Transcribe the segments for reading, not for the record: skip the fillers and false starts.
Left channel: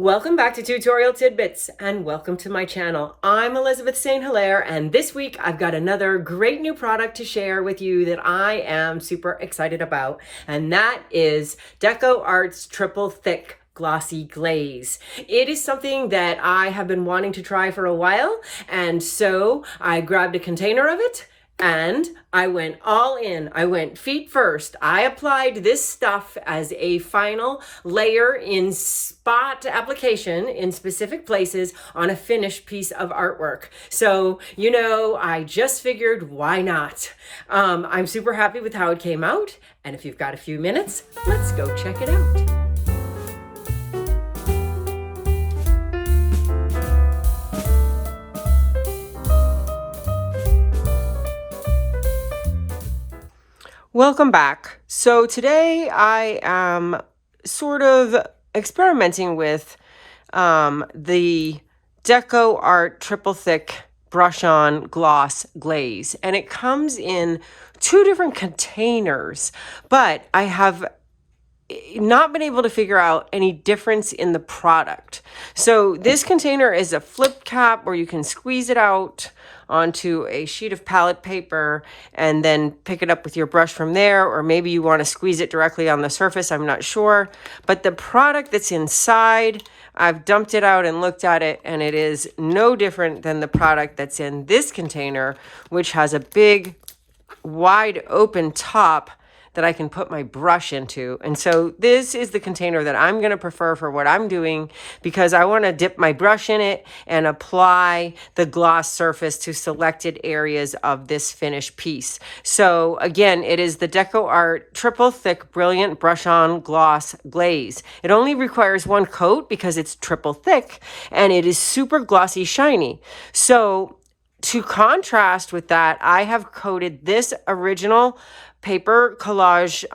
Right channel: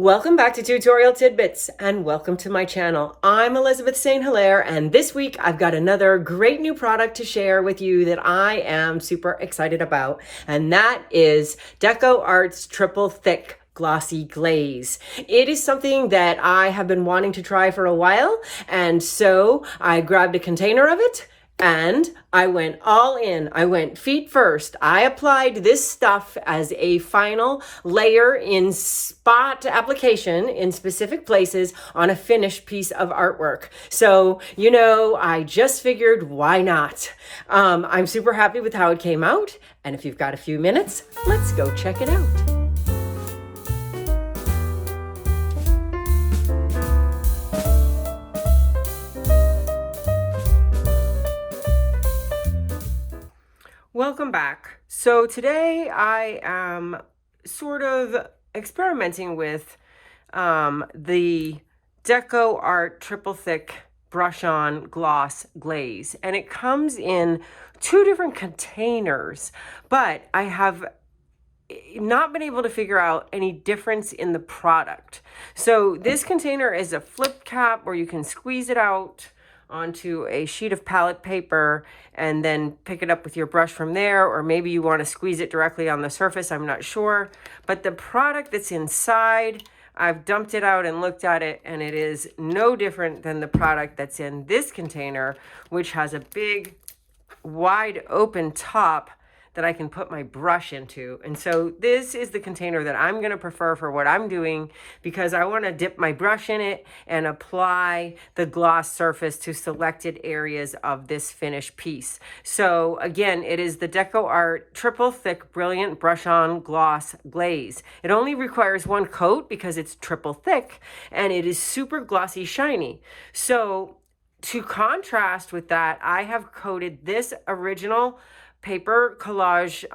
Welcome back to Tutorial Tidbits and welcome to my channel. I'm Elizabeth St. Hilaire and this week I've got another great new product to share with you that I am super excited about, and that is Deco Art's Triple Thick Glossy Glaze. It is something that I have been wanting to try for a while, and so I grabbed a container of it and I went all in. I went feet first. I applied this stuff as a final layer in spot application in specific places on a finished piece of artwork. So, I just figured, why not? I'm super happy with how it came out. And if you've got a few minutes, let's go check it out. Welcome back. So today I am sort of experimenting with the Deco Art Triple Thick Brush On Gloss Glaze. And it comes in two different containers, but I have not been able to figure out any difference in the product. So this container is a flip cap where you can squeeze it out onto a sheet of palette paper and then pick it up with your brush from there, or maybe you want to squeeze it directly on the surface, I'm not sure. But the product that's inside, I've dumped it out and looked at it, and it is no different than the product that's in this container, which has a big, wide open top that I can put my brush into. And so this is the container that I'm going to prefer for what I'm doing, because I want to dip my brush in it and apply the gloss surface to selected areas of this finished piece. So again, it is the Deco Art Triple Thick Brilliant Brush On Gloss Glaze. It only requires one coat because it's triple thick, and it is super glossy shiny. So to contrast with that, I have coated this original paper collage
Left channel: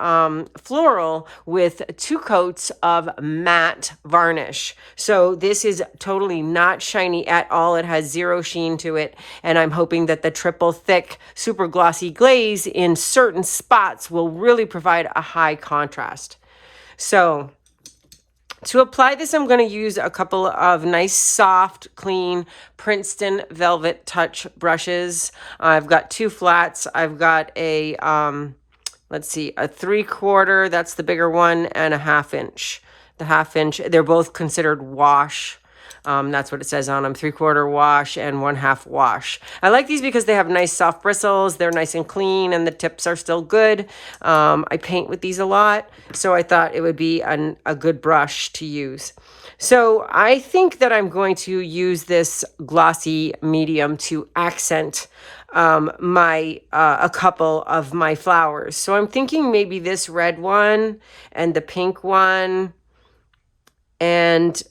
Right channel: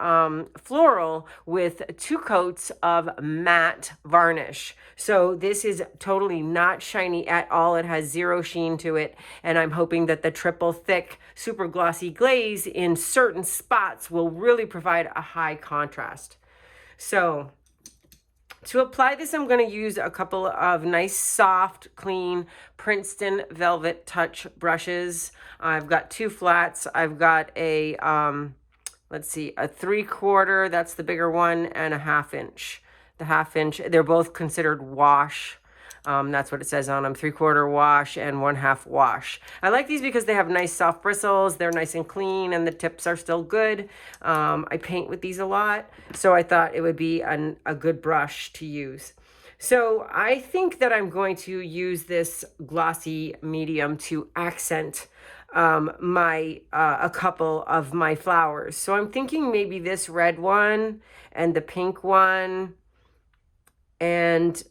floral with 2 coats of matte varnish. So this is totally not shiny at all. It has 0 sheen to it, and I'm hoping that the triple thick super glossy glaze in certain spots will really provide a high contrast. So to apply this, I'm going to use a couple of nice, soft, clean Princeton Velvet Touch brushes. I've got 2 flats. I've got a, let's see, a 3/4, that's the bigger one, and a 1/2 inch. The 1/2 inch, they're both considered wash. That's what it says on them, 3/4 wash and 1/2 wash. I like these because they have nice soft bristles. They're nice and clean, and the tips are still good. I paint with these a lot, so I thought it would be a good brush to use. So I think that I'm going to use this glossy medium to accent a couple of my flowers. So I'm thinking maybe this red one and the pink one, and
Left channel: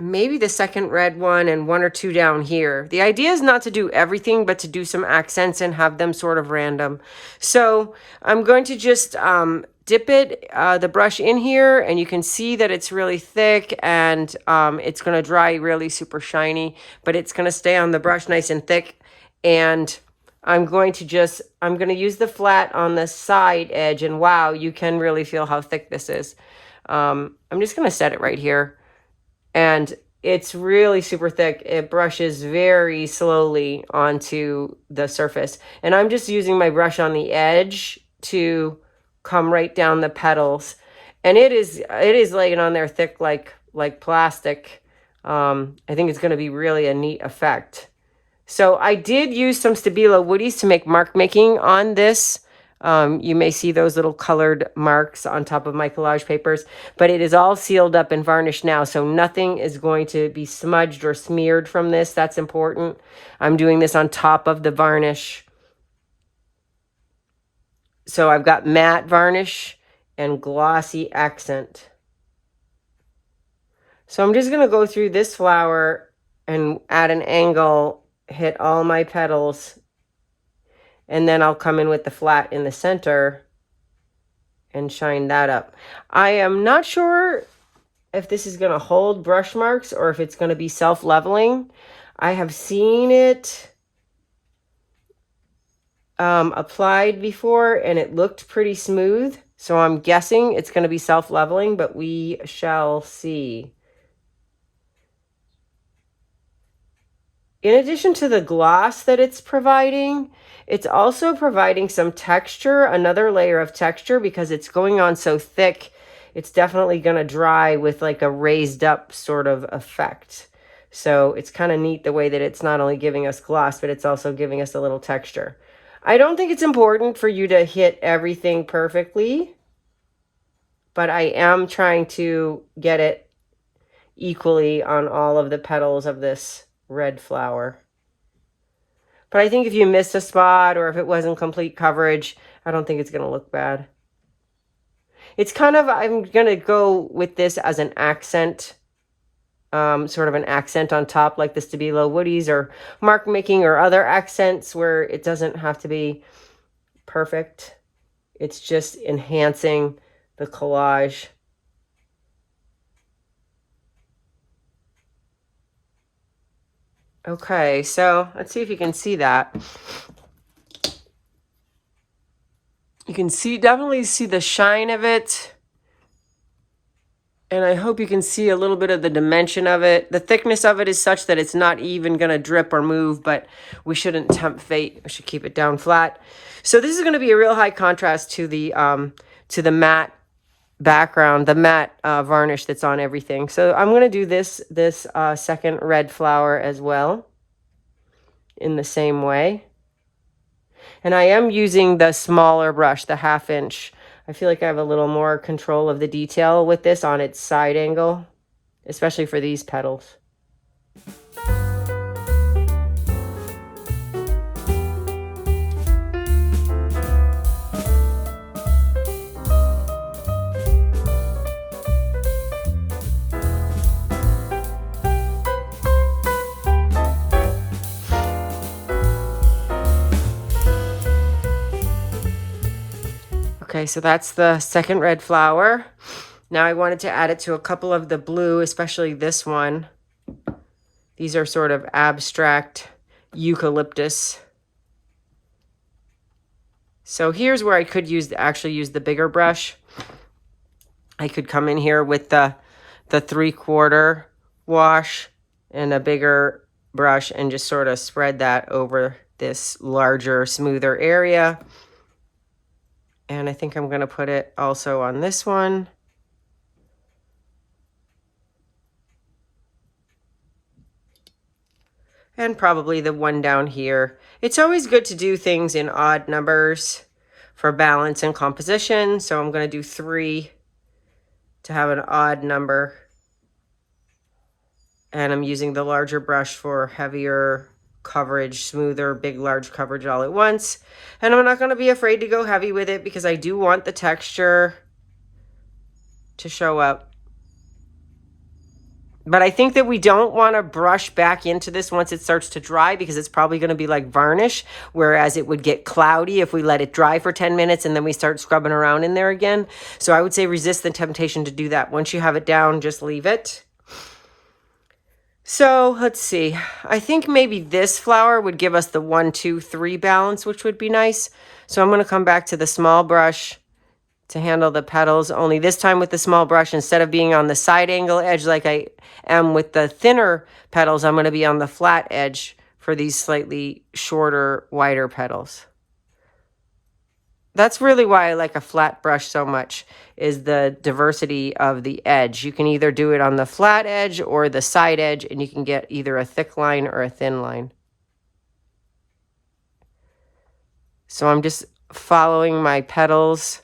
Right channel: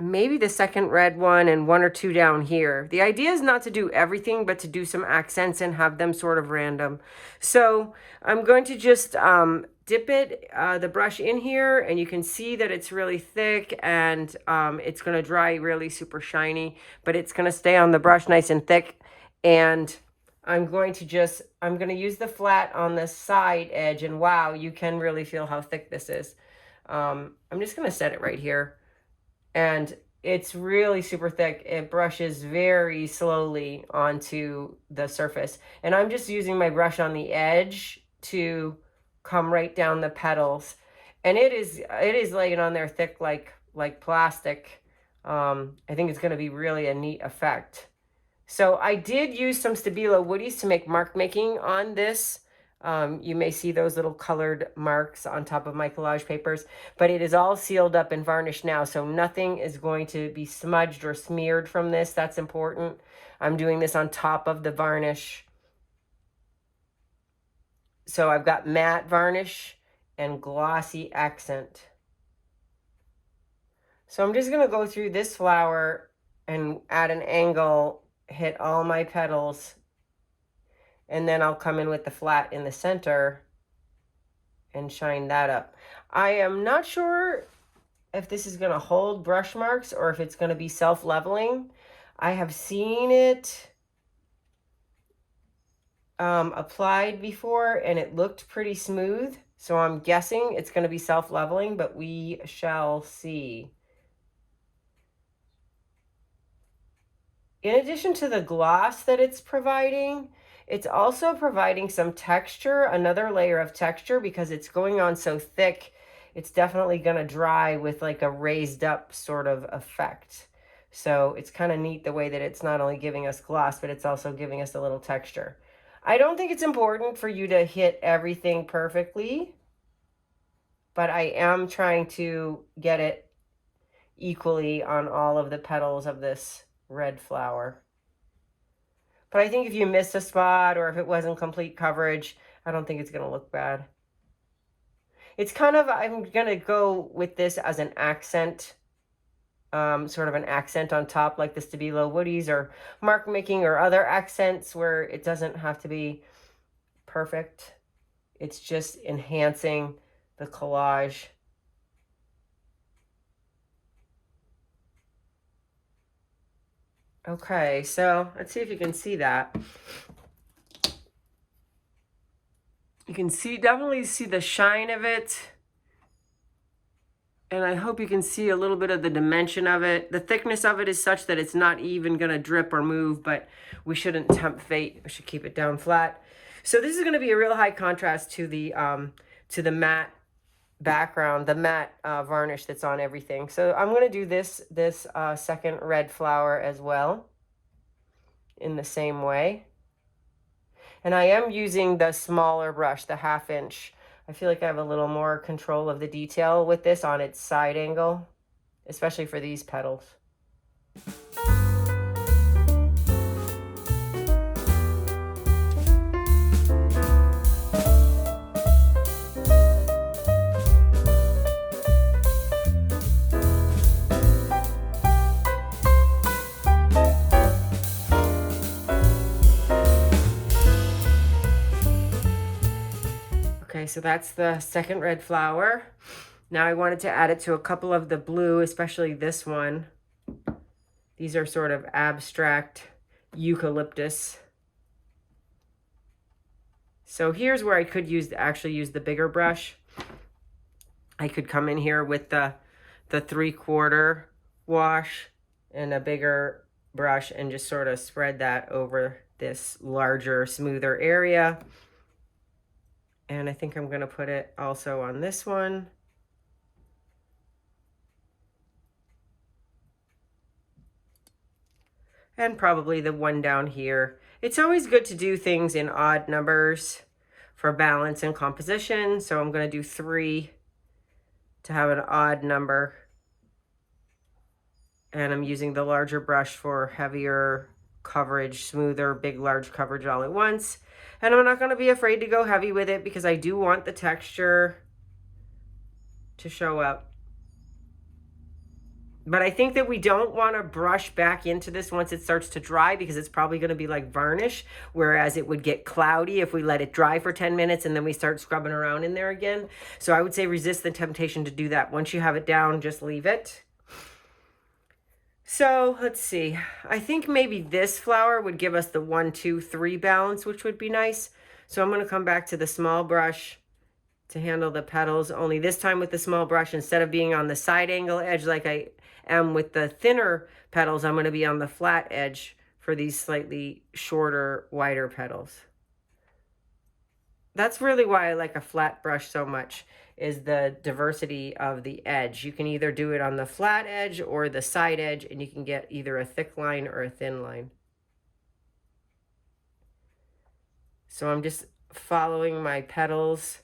maybe the second red one and 1 or 2 down here. The idea is not to do everything, but to do some accents and have them sort of random. So I'm going to just dip the brush in here, and you can see that it's really thick, and it's going to dry really super shiny, but it's going to stay on the brush nice and thick. And I'm going to use the flat on the side edge, and wow, you can really feel how thick this is. I'm just going to set it right here. And it's really super thick. It brushes very slowly onto the surface. And I'm just using my brush on the edge to come right down the petals. And it is laying on there thick like plastic. I think it's going to be really a neat effect. So I did use some Stabilo Woodies to make mark making on this. You may see those little colored marks on top of my collage papers, but it is all sealed up and varnished now, so nothing is going to be smudged or smeared from this. That's important. I'm doing this on top of the varnish. So I've got matte varnish and glossy accent. So I'm just going to go through this flower and at an angle hit all my petals. And then I'll come in with the flat in the center and shine that up. I am not sure if this is going to hold brush marks or if it's going to be self-leveling. I have seen it applied before, and it looked pretty smooth. So I'm guessing it's going to be self-leveling, but we shall see. in addition to the gloss that it's providing, it's also providing some texture, another layer of texture, because it's going on so thick. It's definitely going to dry with like a raised up sort of effect. So it's kind of neat the way that it's not only giving us gloss, but it's also giving us a little texture. I don't think it's important for you to hit everything perfectly, but I am trying to get it equally on all of the petals of this red flower. But I think if you missed a spot or if it wasn't complete coverage, I don't think it's going to look bad. It's kind of, I'm going to go with this as an accent, sort of an accent on top, like the Stabilo Woodies or mark making or other accents where it doesn't have to be perfect. It's just enhancing the collage. Okay, so let's see if you can see that. You can definitely see the shine of it. And I hope you can see a little bit of the dimension of it. The thickness of it is such that it's not even going to drip or move, but we shouldn't tempt fate. We should keep it down flat. So this is going to be a real high contrast to the matte background, the matte varnish that's on everything. So I'm going to do this second red flower as well in the same way. And I am using the smaller brush, the 1/2 inch. I feel like I have a little more control of the detail with this on its side angle, especially for these petals. Okay, so that's the second red flower. Now I wanted to add it to a couple of the blue, especially this one. These are sort of abstract eucalyptus. So here's where I could actually use the bigger brush. I could come in here with the 3/4 wash and a bigger brush and just sort of spread that over this larger, smoother area. And I think I'm going to put it also on this one. And probably the one down here. It's always good to do things in odd numbers for balance and composition. So I'm going to do 3 to have an odd number. And I'm using the larger brush for heavier coverage, smoother, big, large coverage all at once. And I'm not going to be afraid to go heavy with it because I do want the texture to show up. But I think that we don't want to brush back into this once it starts to dry because it's probably going to be like varnish, whereas it would get cloudy if we let it dry for 10 minutes and then we start scrubbing around in there again. So I would say resist the temptation to do that. Once you have it down, just leave it. So let's see. I think maybe this flower would give us the 1, 2, 3 balance, which would be nice. So I'm going to come back to the small brush to handle the petals, only this time with the small brush, instead of being on the side angle edge like I am with the thinner petals, I'm going to be on the flat edge for these slightly shorter, wider petals. That's really why I like a flat brush so much, is the diversity of the edge. You can either do it on the flat edge or the side edge, and you can get either a thick line or a thin line. So I'm just following my petals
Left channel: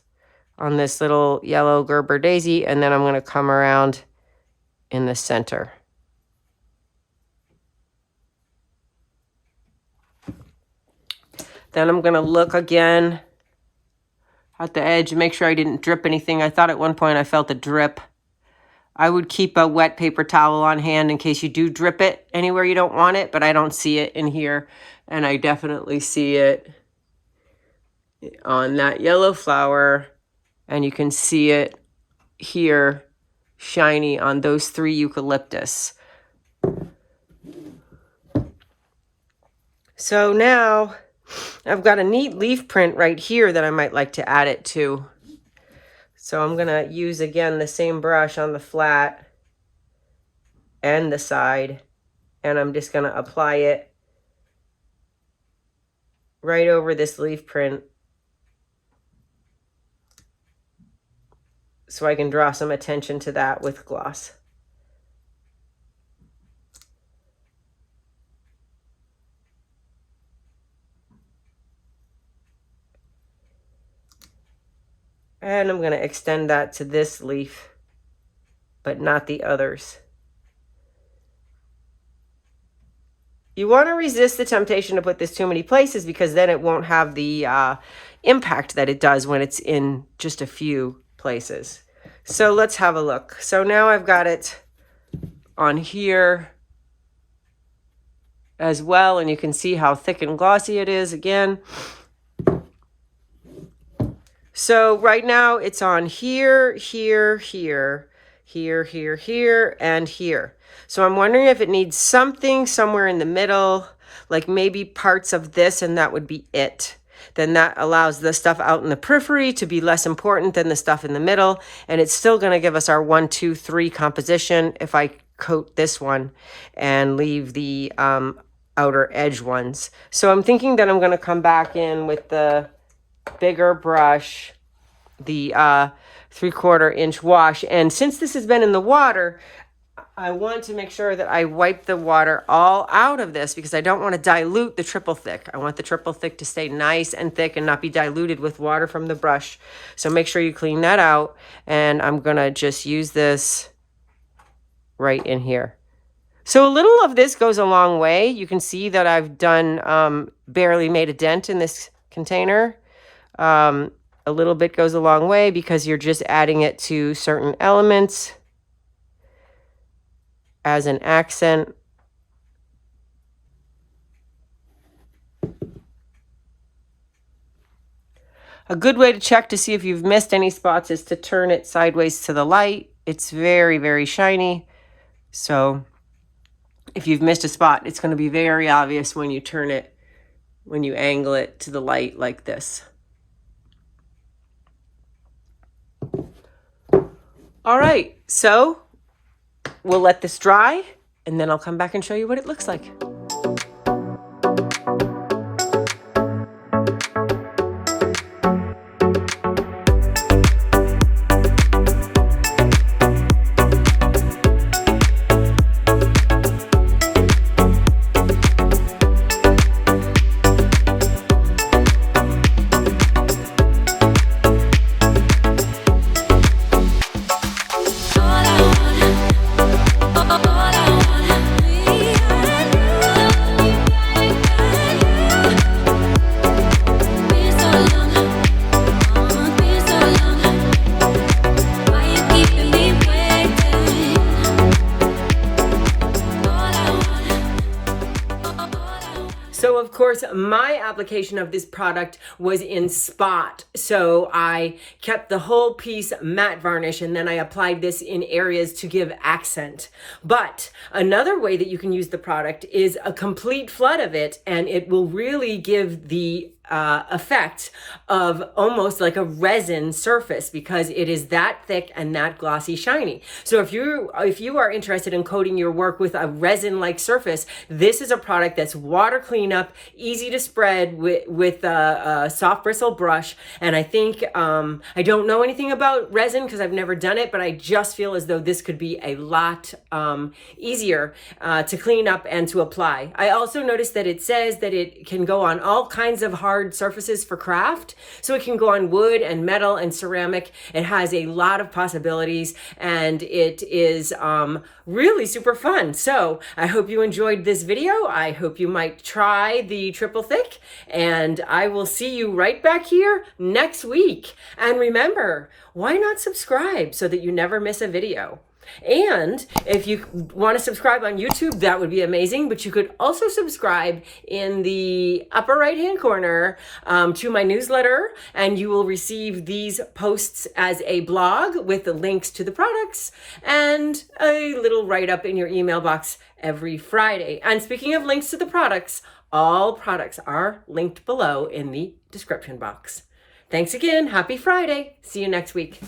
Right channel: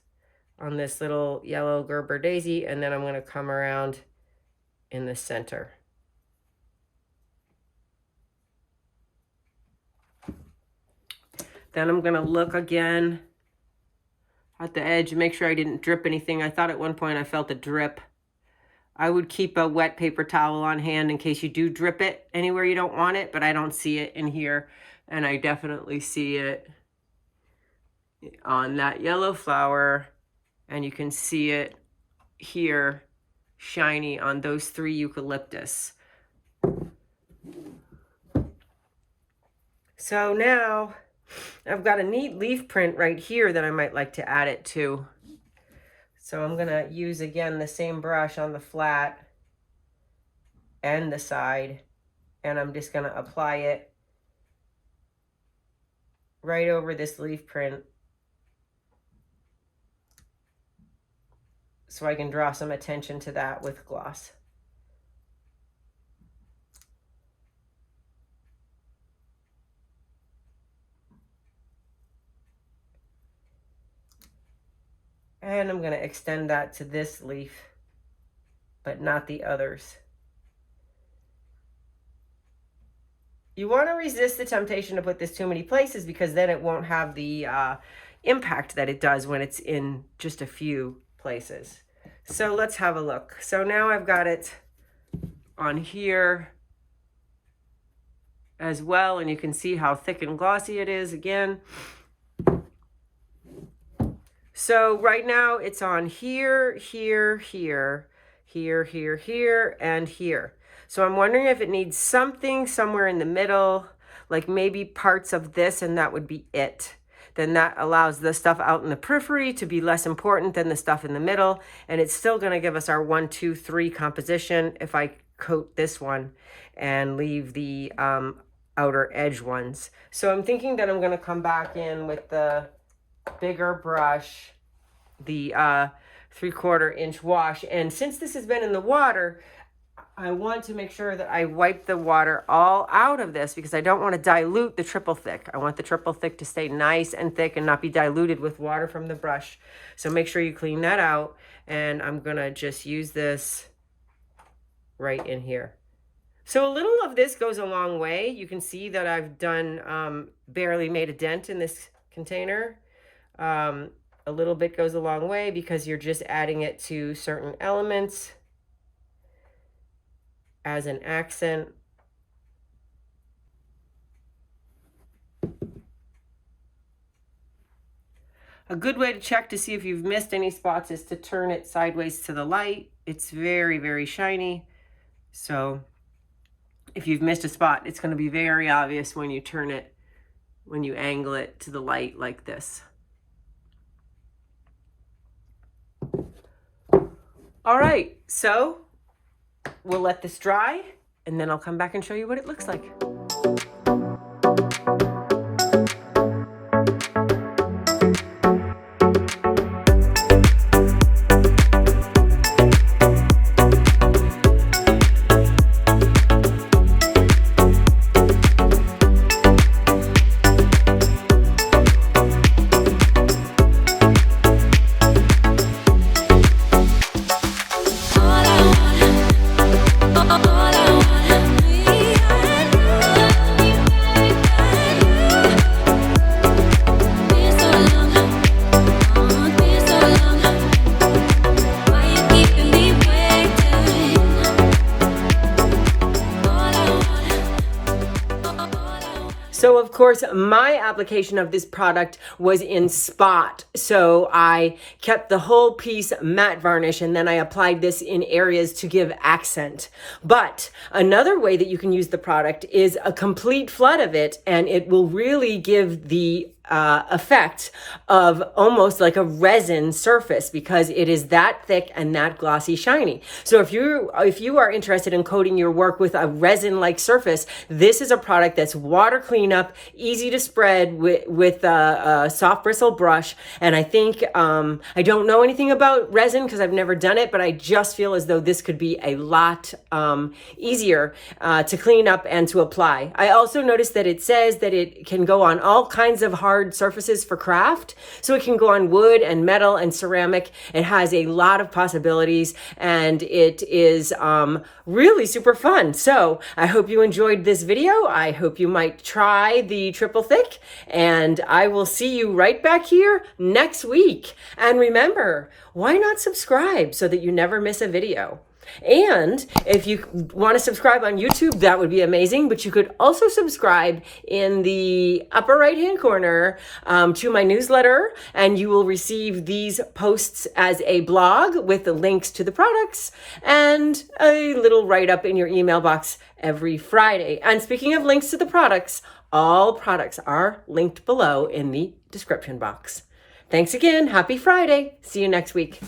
on this little yellow Gerber daisy, and then I'm going to come around in the center. Then I'm going to look again at the edge, make sure I didn't drip anything. I thought at one point I felt a drip. I would keep a wet paper towel on hand in case you do drip it anywhere you don't want it, but I don't see it in here, and I definitely see it on that yellow flower, and you can see it here shiny on those 3 eucalyptus. So now I've got a neat leaf print right here that I might like to add it to. So I'm going to use again the same brush on the flat and the side and I'm just going to apply it right over this leaf print so I can draw some attention to that with gloss. And I'm going to extend that to this leaf, but not the others. You want to resist the temptation to put this too many places because then it won't have the impact that it does when it's in just a few places. So let's have a look. So now I've got it on here as well, and you can see how thick and glossy it is again. So right now it's on here, here, here, here, here, here, and here. So I'm wondering if it needs something somewhere in the middle, like maybe parts of this, and that would be it. Then that allows the stuff out in the periphery to be less important than the stuff in the middle. And it's still going to give us our 1, 2, 3 composition if I coat this one and leave the outer edge ones. So I'm thinking that I'm going to come back in with the bigger brush, the 3/4 inch wash. And since this has been in the water, I want to make sure that I wipe the water all out of this because I don't want to dilute the triple thick. I want the triple thick to stay nice and thick and not be diluted with water from the brush. So make sure you clean that out. And I'm going to just use this right in here. So a little of this goes a long way. You can see that I've done barely made a dent in this container. A little bit goes a long way because you're just adding it to certain elements as an accent. A good way to check to see if you've missed any spots is to turn it sideways to the light. It's very, very shiny. So if you've missed a spot, it's going to be very obvious when you turn it, when you angle it to the light like this. All right, so we'll let this dry, and then I'll come back and show you what it looks like. So of course, my application of this product was in spot. So I kept the whole piece matte varnish and then I applied this in areas to give accent. But another way that you can use the product is a complete flood of it, and it will really give the effect of almost like a resin surface because it is that thick and that glossy shiny. So if you are interested in coating your work with a resin-like surface, this is a product that's water cleanup, easy to spread with a soft bristle brush. And I think, I don't know anything about resin because I've never done it, but I just feel as though this could be a lot easier to clean up and to apply. I also noticed that it says that it can go on all kinds of hard surfaces for craft. So it can go on wood and metal and ceramic. It has a lot of possibilities and it is really super fun. So I hope you enjoyed this video. I hope you might try the Triple Thick, and I will see you right back here next week. And remember, why not subscribe so that you never miss a video? And if you want to subscribe on YouTube, that would be amazing. But you could also subscribe in the upper right-hand corner to my newsletter, and you will receive these posts as a blog with the links to the products and a little write-up in your email box every Friday. And speaking of links to the products, all products are linked below in the description box. Thanks again. Happy Friday. See you next week.